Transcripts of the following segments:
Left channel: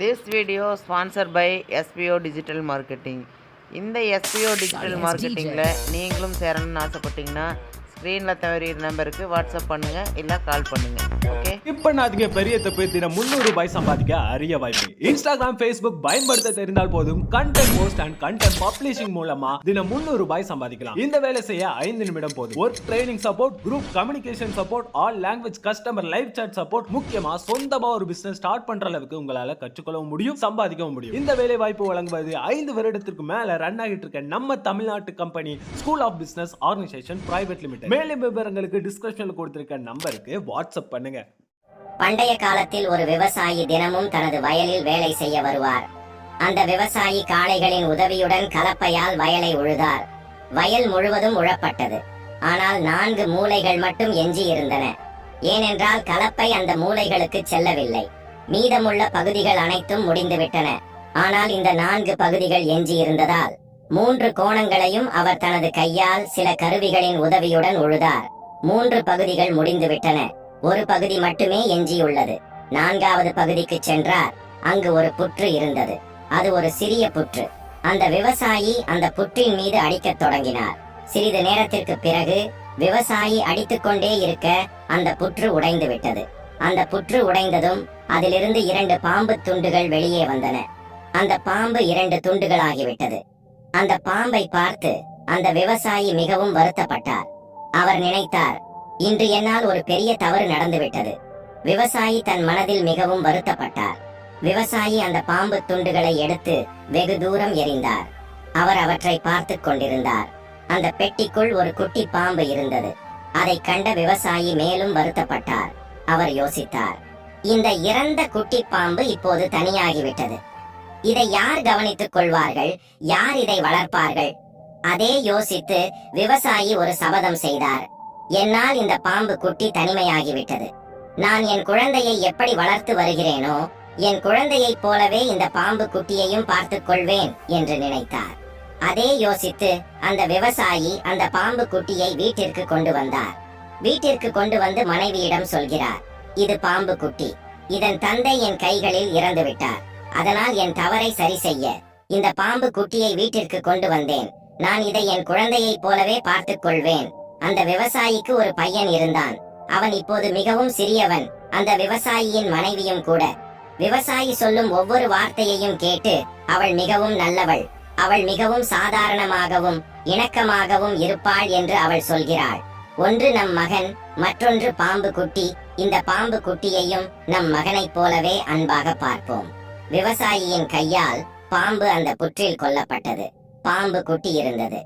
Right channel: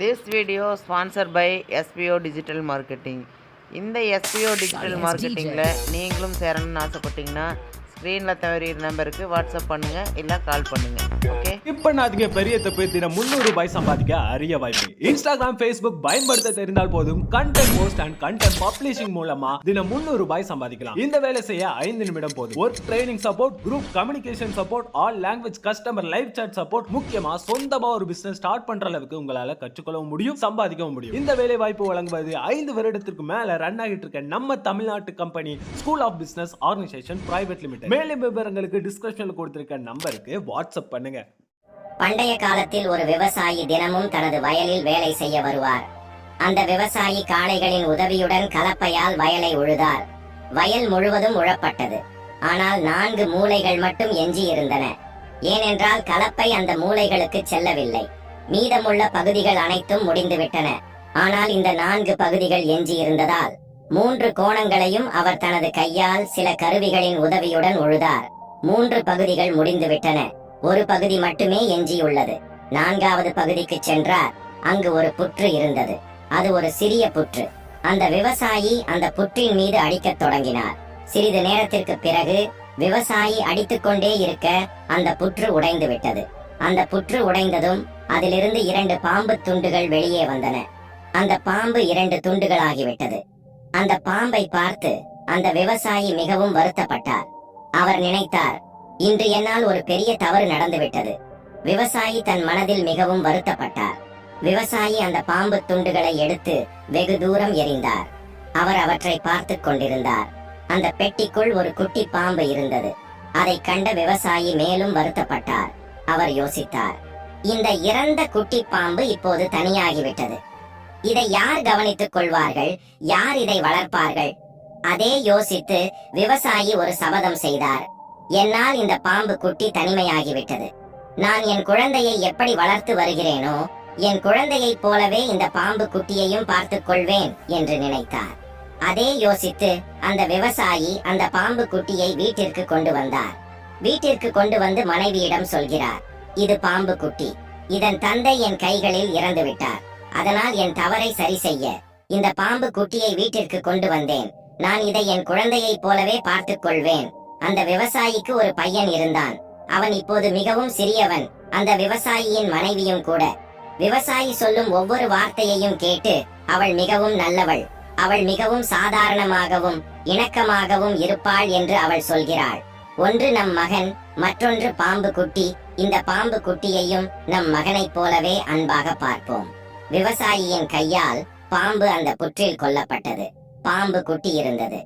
This video sponsored by SPO Digital Marketing. இந்த SPO Digital Marketingல நீங்களும் சேரணும்னு ஆசைப்பட்டீங்கன்னா ஸ்க்ரீனில் தவறிய நம்பருக்கு வாட்ஸ்அப் பண்ணுங்க இல்லை கால் பண்ணுங்க. ஓகே, இப்போ நாதுங்க பெரிய தப்பு. தினம் 300 ரூபாய் சம்பாதிக்க அரிய வாய்ப்பு. இன்ஸ்டாகிராம், ஃபேஸ்புக் பயன்படுத்த தெரிந்தால் போதும் content post and content publishing மூலமா தினம் 300 ரூபாய் சம்பாதிக்கலாம். இந்த வேலை செய்ய 5 நிமிடம் போதும். Work training support, group communication support, all language customer live chat support, முக்கியமா சொந்தமா ஒரு பிசினஸ் ஸ்டார்ட் பண்ற அளவுக்கு உங்களால கற்றுக்கொள்ளவும் முடியும், சம்பாதிக்கவும் முடியும். இந்த வேலை வாய்ப்பு வழங்குவது 5 வருடத்திற்கு மேல ரன் ஆகிட்டு இருக்க நம்ம தமிழ்நாட்டு company school of business organisation private limited. மேலும் விவரங்களுக்கு டிஸ்கிரிப்ஷன்ல கொடுத்திருக்க நம்பருக்கு வாட்ஸ்அப் பண்ணுங்க. பண்டைய காலத்தில் ஒரு விவசாயி தினமும் தனது வயலில் வேலை செய்ய வருவார். அந்த விவசாயி காளைகளின் உதவியுடன் கலப்பையால் வயலை உழுதார். வயல் முழுவதும் உழப்பட்டது. ஆனால் 4 மூலைகள் மட்டும் எஞ்சி இருந்தன. ஏனென்றால் கலப்பை அந்த மூலைகளுக்கு செல்லவில்லை. மீதமுள்ள பகுதிகள் அனைத்தும் முடிந்துவிட்டன. ஆனால் இந்த 4 பகுதிகள் எஞ்சி இருந்ததால் 3 கோணங்களையும் அவர் தனது கையால் சில கருவிகளின் உதவியுடன் உழுதார். 3 பகுதிகள் முடிந்துவிட்டன. ஒரு பகுதி மட்டுமே எஞ்சியுள்ளது. 4வது பகுதிக்கு சென்றார். அங்கு ஒரு புற்று இருந்தது. அது ஒரு சிறிய புற்று. அந்த விவசாயி அந்த புற்றின் மீது அடிக்கத் தொடங்கினார். சிறிது நேரத்திற்கு பிறகு விவசாயி அடித்துக்கொண்டே இருக்க அந்த புற்று உடைந்து விட்டது. அந்த புற்று உடைந்ததும் அதிலிருந்து 2 பாம்பு துண்டுகள் வெளியே வந்தன. அந்த பாம்பு 2 துண்டுகளாகிவிட்டது. அந்த பாம்பை பார்த்து அந்த விவசாயி மிகவும் வருத்தப்பட்டார். அவர் நினைத்தார், இன்று என்னால் ஒரு பெரிய தவறு நடந்துவிட்டது. விவசாயி தன் மனதில் மிகவும் வருத்தப்பட்டார். விவசாயி அந்த பாம்பு துண்டுகளை எடுத்து வெகு தூரம் எறிந்தார். அவர் அவற்றை பார்த்து கொண்டிருந்தார். அந்த பெட்டிக்குள் ஒரு குட்டி பாம்பு இருந்தது. அதை கண்ட விவசாயி மேலும் வருத்தப்பட்டார். அவர் யோசித்தார், இந்த இறந்த குட்டி பாம்பு இப்போது தனியாகிவிட்டது. இதை யார் கவனித்துக் கொள்வார்கள்? யார் இதை வளர்ப்பார்கள்? அதே யோசித்து விவசாயி ஒரு சபதம் செய்தார். என்னால் இந்த பாம்பு குட்டி தனிமையாகிவிட்டது. நான் என் குழந்தையை எப்படி வளர்த்து வருகிறேனோ என் குழந்தையைப் போலவே இந்த பாம்பு குட்டியையும் பார்த்துக் கொள்வேன் என்று நினைத்தார். அதே யோசித்து அந்த விவசாயி அந்த பாம்பு குட்டியை வீட்டிற்கு கொண்டு வந்தார். வீட்டிற்கு கொண்டு வந்து மனைவியிடம் சொல்கிறார், இது பாம்பு குட்டி. இதன் தந்தை என் கைகளில் இறந்து விட்டார். அதனால் என் தவறை சரி செய்ய இந்த பாம்பு குட்டியை வீட்டிற்கு கொண்டு வந்தேன். நான் இதை என் குழந்தையைப் போலவே பார்த்துக் கொள்வேன். அந்த விவசாயிக்கு ஒரு பையன் இருந்தான். அவன் இப்போது மிகவும் சிறியவன். அந்த விவசாயியின் மனைவியும் கூட. விவசாயி சொல்லும் ஒவ்வொரு வார்த்தையையும் கேட்டு அவள் மிகவும் நல்லவள், அவள் மிகவும் சாதாரணமாகவும் இணக்கமாகவும் இருப்பாள் என்று அவள் சொல்கிறாள். ஒன்று நம் மகன், மற்றொன்று பாம்பு குட்டி. இந்த பாம்பு குட்டியையும் நம் மகனைப் போலவே அன்பாக பார்ப்போம். விவசாயியின் கையால் பாம்பு அந்த புற்றில் கொல்லப்பட்டது. பாம்பு குட்டி இருந்தது.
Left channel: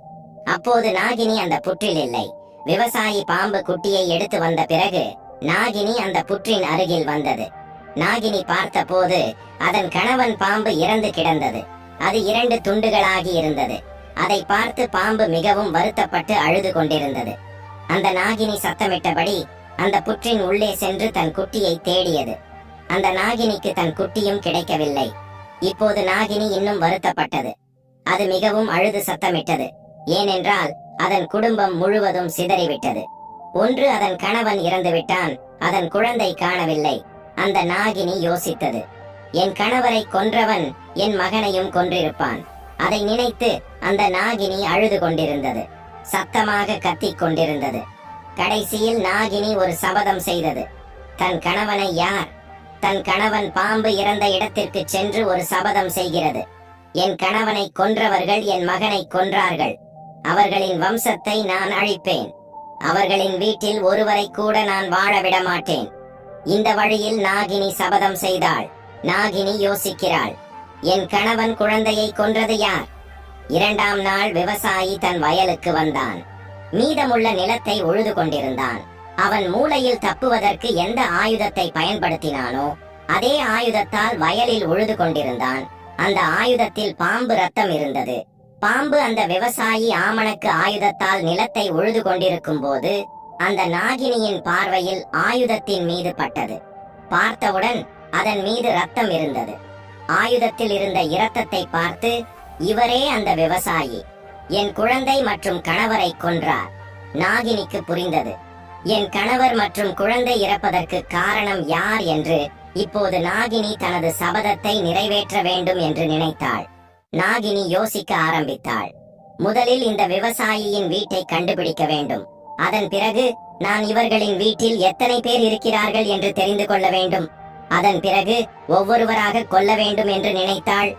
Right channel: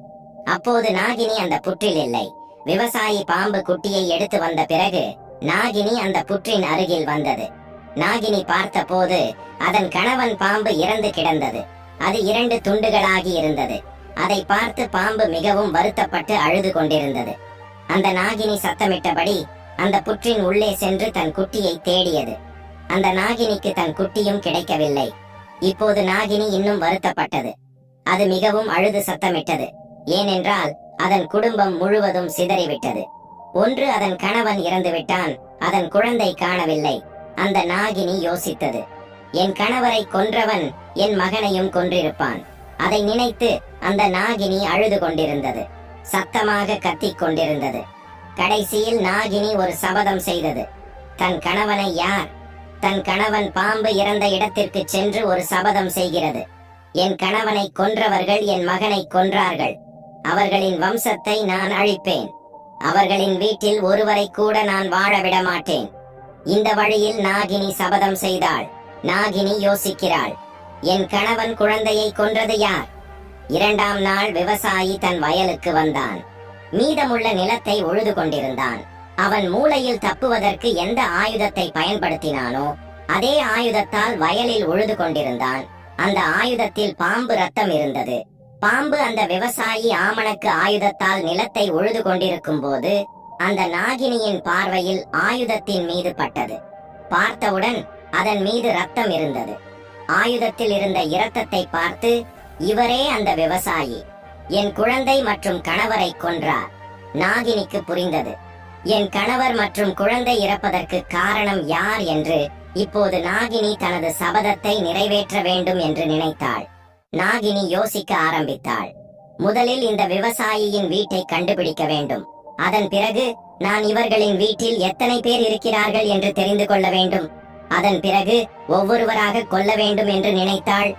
அப்போது நாகினி அந்த புற்றில் இல்லை. விவசாயி பாம்பு குட்டியை எடுத்து வந்த பிறகு நாகினி அந்த புற்றின் அருகில் வந்தது. நாகினி பார்த்த போது அதன் கணவன் பாம்பு இறந்து கிடந்தது. அது 2 துண்டுகளாகி இருந்தது. அதை பார்த்து பாம்பு மிகவும் வருத்தப்பட்டு அழுது கொண்டிருந்தது. அந்த நாகினி சத்தமிட்டபடி அந்த புற்றின் உள்ளே சென்று தன் குட்டியை தேடியது. அந்த நாகினிக்கு தன் குட்டியும் கிடைக்கவில்லை. இப்போது நாகினி இன்னும் வருத்தப்பட்டது. அது மிகவும் அழுது சத்தமிட்டது. ஏனென்றால் அதன் குடும்பம் முழுவதும் சிதறிவிட்டது. ஒன்று அதன் கணவன் இறந்து விட்டான், அதன் குழந்தை காணவில்லை. அந்த நாகினி யோசித்தது, என் கணவரை கொன்றவன் என் மகனையும் கொன்றிருப்பான். அதை நினைத்து அந்த நாகினி அழுது கொண்டிருந்தது. சத்தமாக கத்திக் கொண்டிருந்தது. கடைசியில் நாகினி ஒரு சபதம் செய்தது. தன் கணவனை யார்? தன் கணவன் பாம்பு இறந்த இடத்திற்கு சென்று ஒரு சபதம் செய்கிறது. என் கணவனை கொன்றவர்கள் என் மகனை கொன்றார்கள். அவர்களின் வம்சத்தை நான் அழிப்பேன். அவர்களின் வீட்டில் ஒருவரை கூட நான் வாழ விட மாட்டேன். இந்த வழியில் நாகினி சபதம் செய்தாள். நாகினி யோசிக்கிறாள், என் கணவன் குழந்தையை கொன்றது யார்? 2ஆம் நாள் விவசாயி தன் வயலுக்கு வந்தான். மீதமுள்ள நிலத்தை உழுது கொண்டிருந்தான். அவன் மூலையில் தப்புவதற்கு எந்த ஆயுதத்தை பயன்படுத்தினானோ அதே ஆயுதத்தால் வயலில் உழுது கொண்டிருந்தான். அந்த ஆயுதத்தில் பாம்பு ரத்தம் இருந்தது. பாம்பு அந்த விவசாயி ஆமணக்கு ஆயுதத்தால் நிலத்தை உழுது கொண்டிருக்கும் போது அந்த நாகினியின் பார்வையில் ஆயுதத்தின் மீது பட்டது. பார்த்தவுடன் அதன் மீது ரத்தம் இருந்தது. ஆயுதத்தில் இருந்த இரத்தத்தை பார்த்து, இவரே அந்த விவசாயி, என் குழந்தை மற்றும் கணவரை கொன்றார். நாகினிக்கு புரிந்தது. என் கணவர் மற்றும் குழந்தை இறப்பதற்கு காரணம் யார் என்று இப்போது நாகினி தனது சபதத்தை நிறைவேற்ற வேண்டும் என்று நினைத்தாள். நாகினி யோசிக்க ஆரம்பித்தாள். முதலில் இந்த விவசாயியின் வீட்டை கண்டுபிடிக்க வேண்டும். அதன் பிறகு நான் இவர்களின் வீட்டில் எத்தனை பேர் இருக்கிறார்கள் என்று தெரிந்து கொள்ள வேண்டும். அதன் பிறகு ஒவ்வொருவராக கொல்ல வேண்டும் என்று நினைத்தாள்.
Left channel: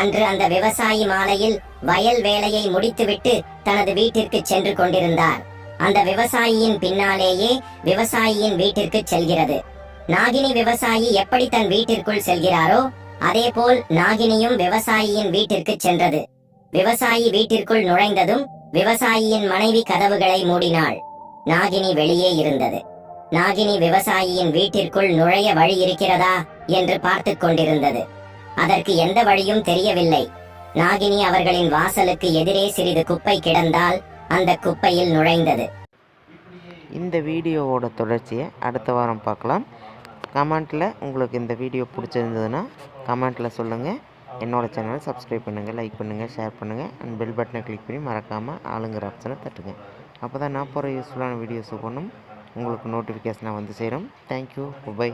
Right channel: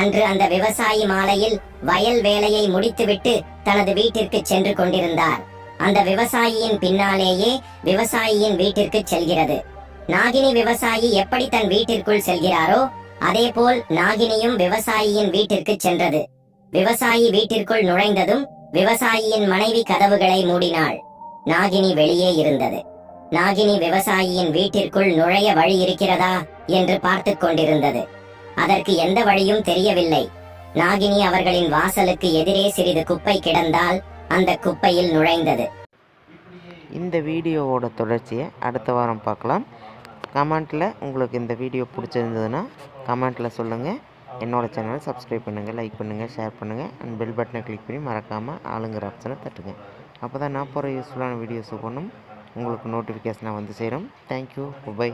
அன்று அந்த விவசாயி மாலையில் வயல் வேலையை முடித்துவிட்டு தனது வீட்டிற்கு சென்று கொண்டிருந்தார். அந்த விவசாயியின் பின்னாலேயே விவசாயியின் வீட்டிற்கு செல்கிறது. நாகினி விவசாயி எப்படி தன் வீட்டிற்குள் செல்கிறாரோ அதேபோல் நாகினியும் விவசாயியின் வீட்டிற்கு சென்றது. விவசாயி வீட்டிற்குள் நுழைந்ததும் விவசாயியின் மனைவி கதவுகளை மூடினாள். நாகினி வெளியே இருந்தது. நாகினி விவசாயியின் வீட்டிற்குள் நுழைய வழி இருக்கிறதா என்று பார்த்து கொண்டிருந்தது. அதற்கு எந்த வழியும் தெரியவில்லை. நாகினி அவர்களின் வாசலுக்கு எதிரே சிறிது குப்பை கிடந்தால் அந்த குப்பையில் நுழைந்தது. இந்த வீடியோவோட தொடர்ச்சியை அடுத்த வாரம் பார்க்கலாம். கமெண்ட்டில் உங்களுக்கு இந்த வீடியோ பிடிச்சிருந்ததுன்னா கமெண்ட்டில் சொல்லுங்கள். என்னோடய சேனலை சப்ஸ்கிரைப் பண்ணுங்கள், லைக் பண்ணுங்கள், ஷேர் பண்ணுங்கள் அண்ட் பெல் பட்டனை கிளிக் பண்ணி மறக்காமல் ஆளுங்கிற ஆப்ஷனை தட்டுங்க. அப்போ தான் நான் போகிற யூஸ்ஃபுல்லான வீடியோஸ் ஒன்றும் உங்களுக்கு நோட்டிஃபிகேஷனாக வந்து சேரும். Thank you, by.